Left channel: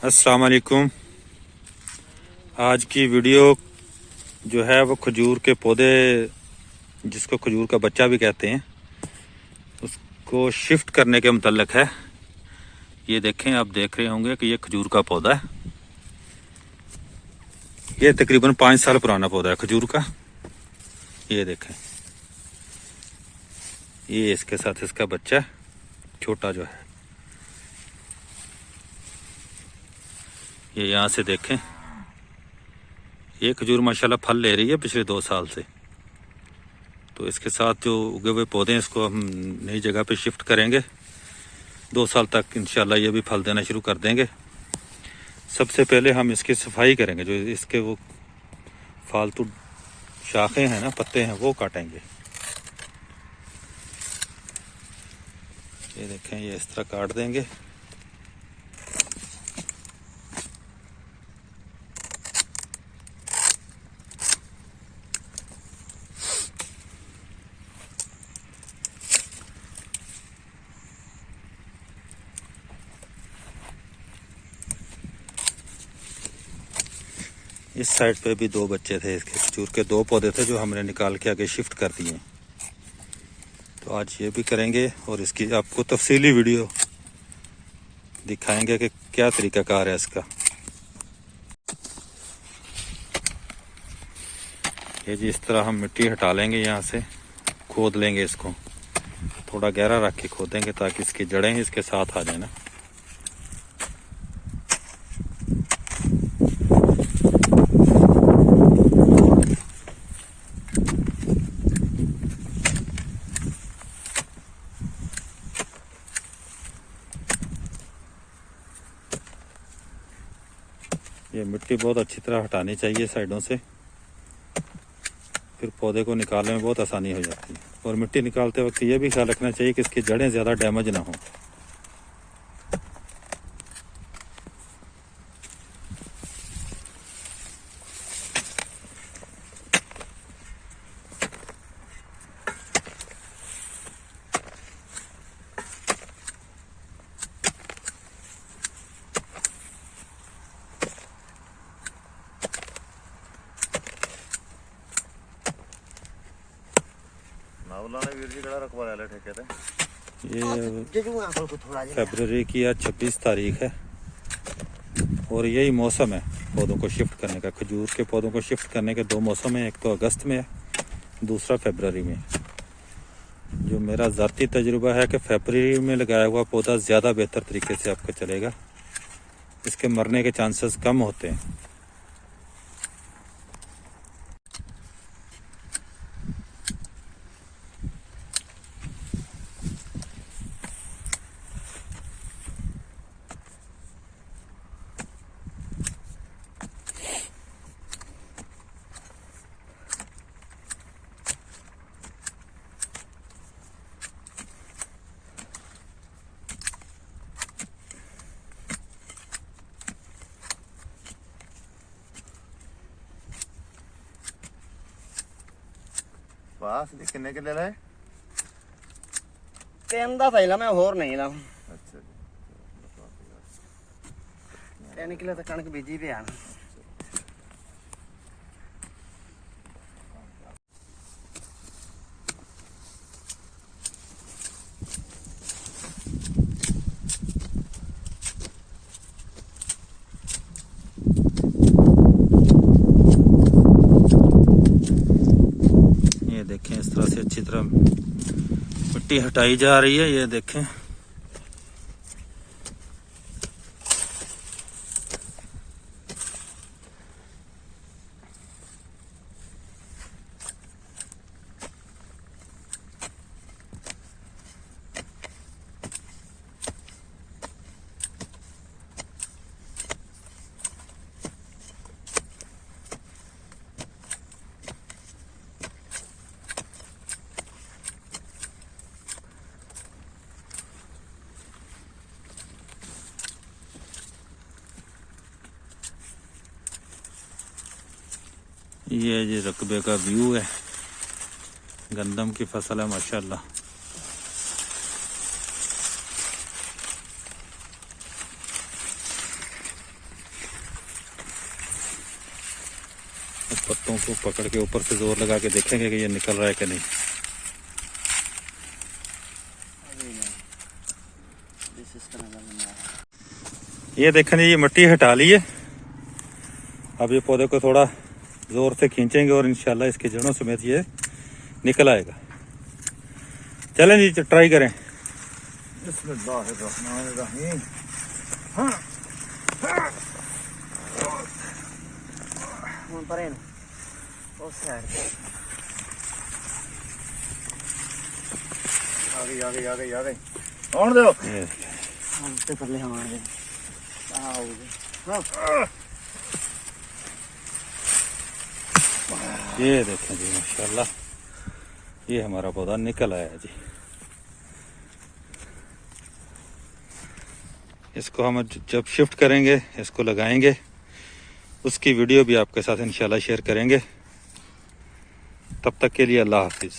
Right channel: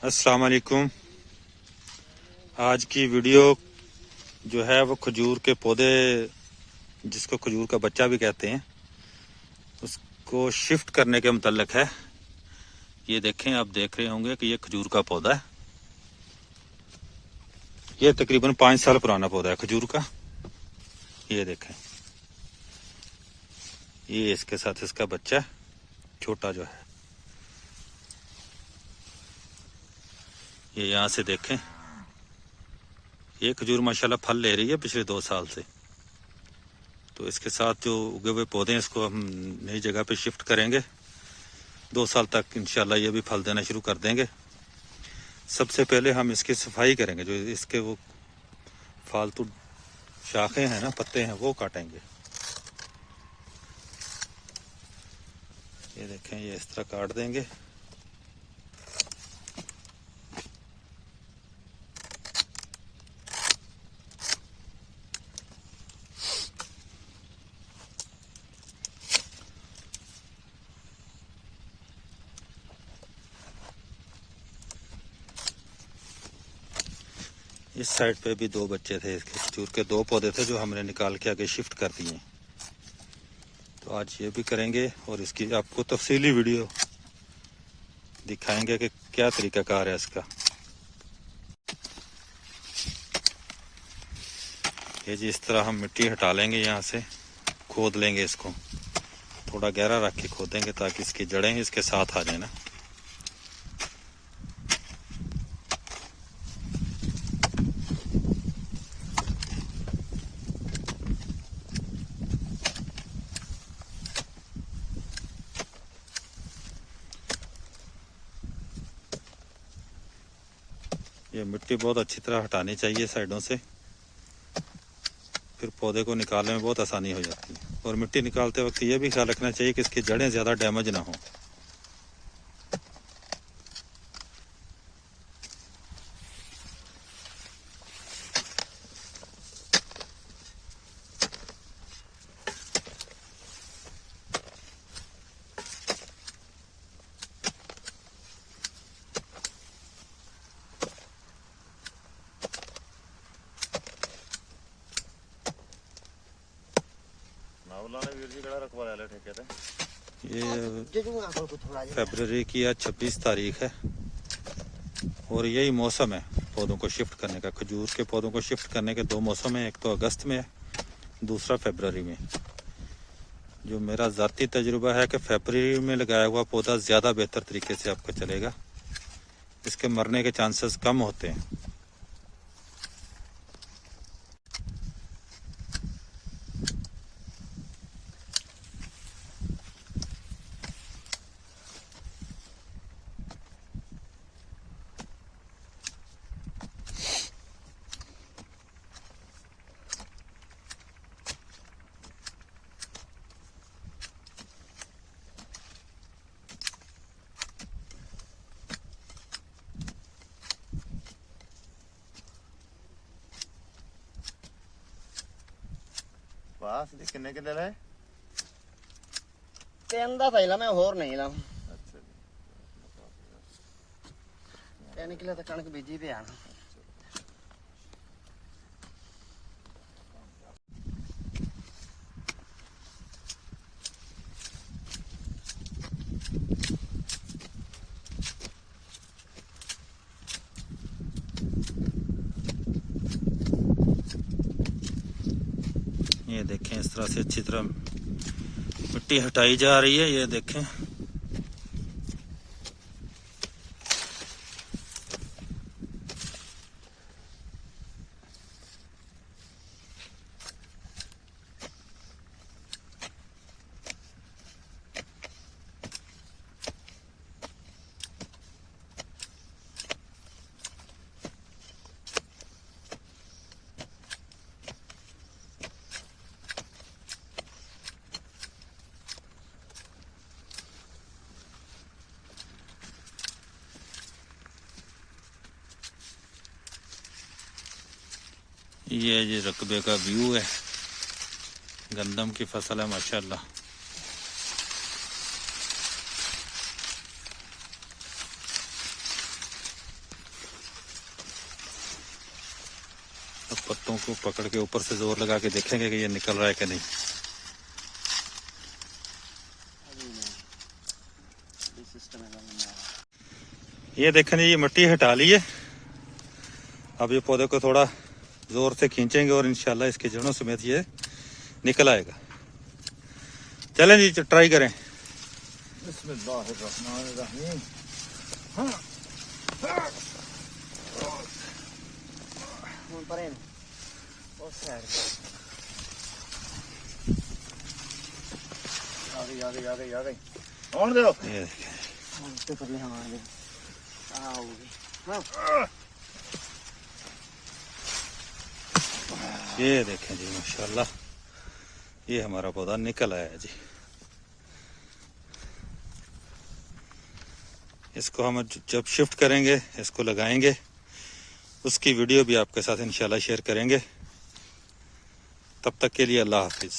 अस्सलाम वालेकुम। आज की वीडियो जो है वो खजूर के पौधे, जिसको खजूर का बच्चा भी कहते हैं, उसको शिफ्ट करने के मुतल्लिक है। ये देखें, आप देख रहे होंगे कि ये खजूर का पौधा है। ये तकरीबन 5 साल पुराना पौधा है खजूर का। ये देखें, ये इसके साथ इसका बच्चा छोटा जो है। ये यहाँ से देखें, ये खजूर माशाल्लाह फल ले रही है पिछले 2 साल से। तो इसके साथ जो उगे हुए पौधे हैं, इसको हम नई जगह पे शिफ्ट करेंगे। 2 साल तक इंशाल्लाह ये भी फल देना शुरू कर देंगे। सबसे पहले हम इसकी सफाई करेंगे। जो इसके वो फालतू शाखें हैं ना, पत्ते हैं, वो काटेंगे। ये देखें, ये इस तरह काट देंगे। इस साइड पे भी 2 बच्चे थे इसके, खजूर के 2 पौधे थे जो हमने निकाल के आगे शिफ्ट कर दिए। तो आज ये भी करेंगे और इसकी आपको तफसीली वीडियो दिखाएंगे कि क्या तरीकाकार है इसका। ये जी इस तरह हम मिट्टी हटा लेंगे, यहाँ से खोद लेंगे इसको। थोड़ा गहरा रख के खोदेंगे ताकि इसकी जड़ें इसके साथ आ जाए ना। ये मिट्टी बहुत अच्छी तरह हटानी चाहिए साइडों से, फिर पौधे को निकालने में बहुत आसानी हो जाती है। और मिट्टी निकालते वक्त ये भी ख्याल रखना चाहिए कि इसकी जड़ें ज़्यादा डैमेज ना हो। ये फरवरी की आज 26 तारीख है और यही मौसम है पौधों को शिफ्ट करने का। खजूर के पौधों को शिफ्ट करने के 2 मौसम हैं, एक तो अगस्त में है, दूसरा फरवरी में। जो मेरा ज़ाती तजुर्बा है कि फरवरी में लगाया हुआ पौधा ज़्यादा बेहतर तरीके से आपका चलेगा, इसके मरने के चांसेस कम होते हैं। बस किन्ने के ले लाए? 3 ਦਾ ਥੈਲਾ ਮੈਂ ਹੋਰ ਨਹੀਂ ਲਾ। अच्छा जी, 3 ਕਿਲੋ ਤਾਂ ਕਣਕ ਬੀਜੀ ਪਿਆ ਨਾ। ये देखें, इस तरह से अच्छी तरह मिट्टी हटाई जा रही है। ये देखें, ये जी रकबे का व्यू है। गंदम की फसल है माशाल्लाह। अब पत्तों को पकड़ के ऊपर से जोर लगा के देखेंगे कि ये निकल रहा है कि नहीं। ये देखें जी, ये मिट्टी हटा ली है। अब ये पौधे को थोड़ा जोर से खींचेंगे और इंशाल्लाह इसकी जड़ों समेत ये निकल आएगा। चलें जी, ट्राई करें। बिस्मिल्लाहिर्रहमानिर्रहीम। ਹੁਣ ਪਰੇ ਨੂੰ ਉਸ ਸਾਈਡ आ गई आउण दो। ये ਹਾਂ ਤੇ ਪਰਲੇ ਹਮਾਰੇ ये देखें जी, माशाल्लाह ये हमारा पौधा निकल आया जी। इसको हम जब शिफ्ट करेंगे, इसको लगाएंगे, उसकी वीडियो भी आपके साथ इंशाल्लाह शेयर करेंगे। तब तक के लिए अल्लाह हाफिज़।